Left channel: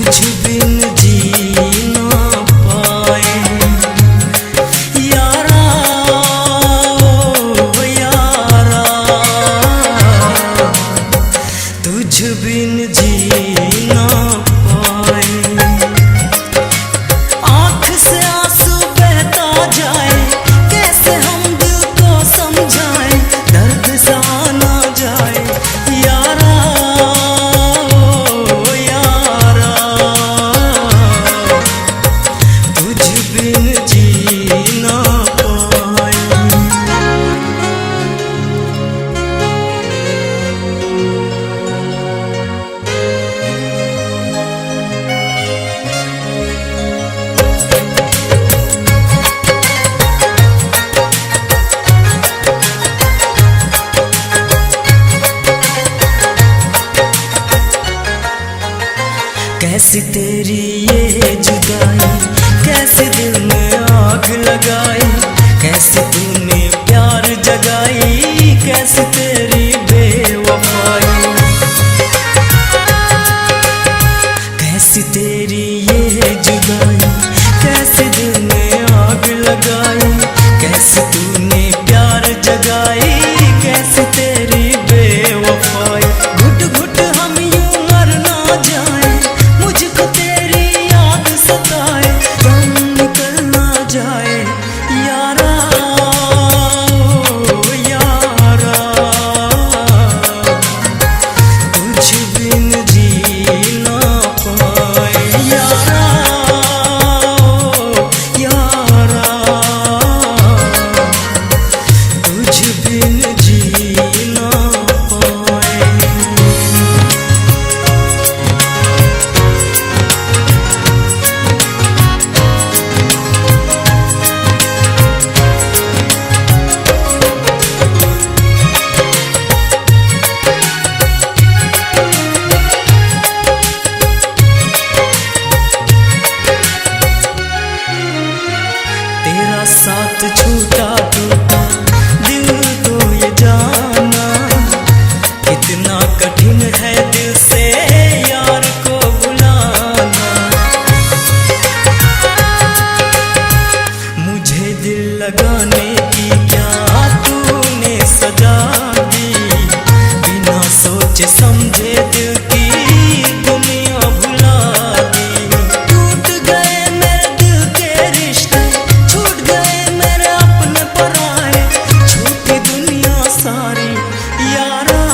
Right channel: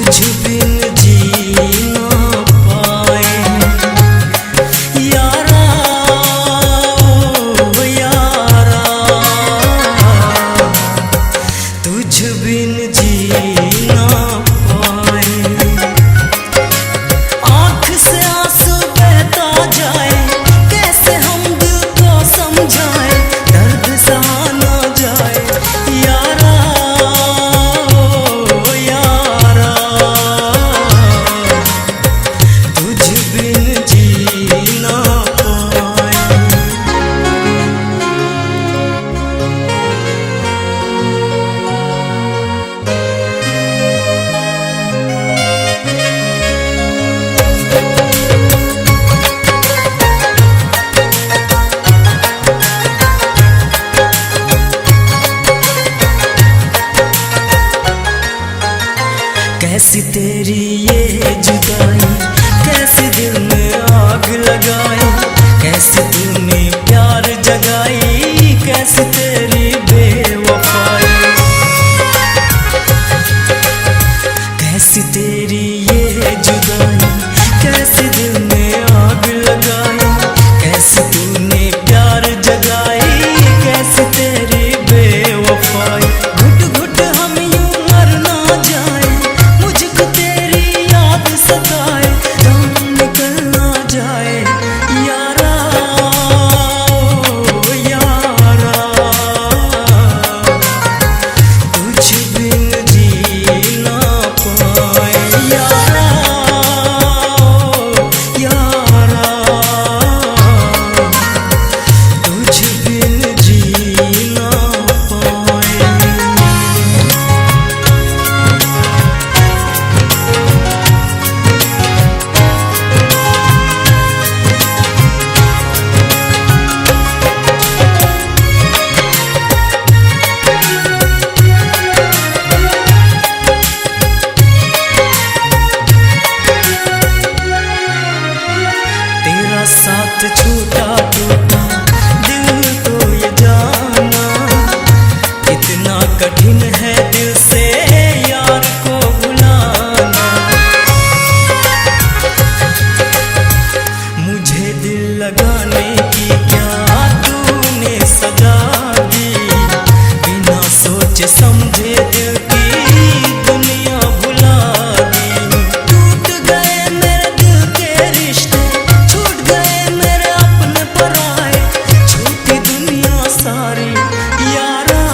तुझ बिन जी ना पाए यारा, ओ यारा, तुझ बिन जी ना पाए। आँख से आंसू बहता जाए, कैसे हम दिल को समझाए, दर्द सहा ना जाए यारा, ओ यारा, तुझ बिन जी ना पाए। कैसी तेरी ये जुदाई, कैसे दिल में आग लगाई, कैसी तूने प्यार जगाई, कैसी तेरी बेवफाई। कैसी तेरी ये जुदाई, कैसे दिल में आग लगाई, कैसी तूने प्यार जगाई, कैसी तेरी बेवफाई। घुट घुट हम यूं मर ना जाए, मुझको तेरी याद सताए, दम निकल ना जाए यारा, ओ यारा, तुझ बिन जी ना पाए यारा, ओ यारा, तुझ बिन जी ना पाए। तेरा साथ छूटा टूटा दिल तो ये जाना, कितना कठिन है दिल से यार को भुलाना। मुझे दिल लगाने की क्या तूने सजा दी, बिना सोचे समझे दिल की दुनिया भुला दी। टूट गए मेरे दिल के रिश्ते, छूट गए मेरे अपने पराए, छूटी दुनिया सारी यारा।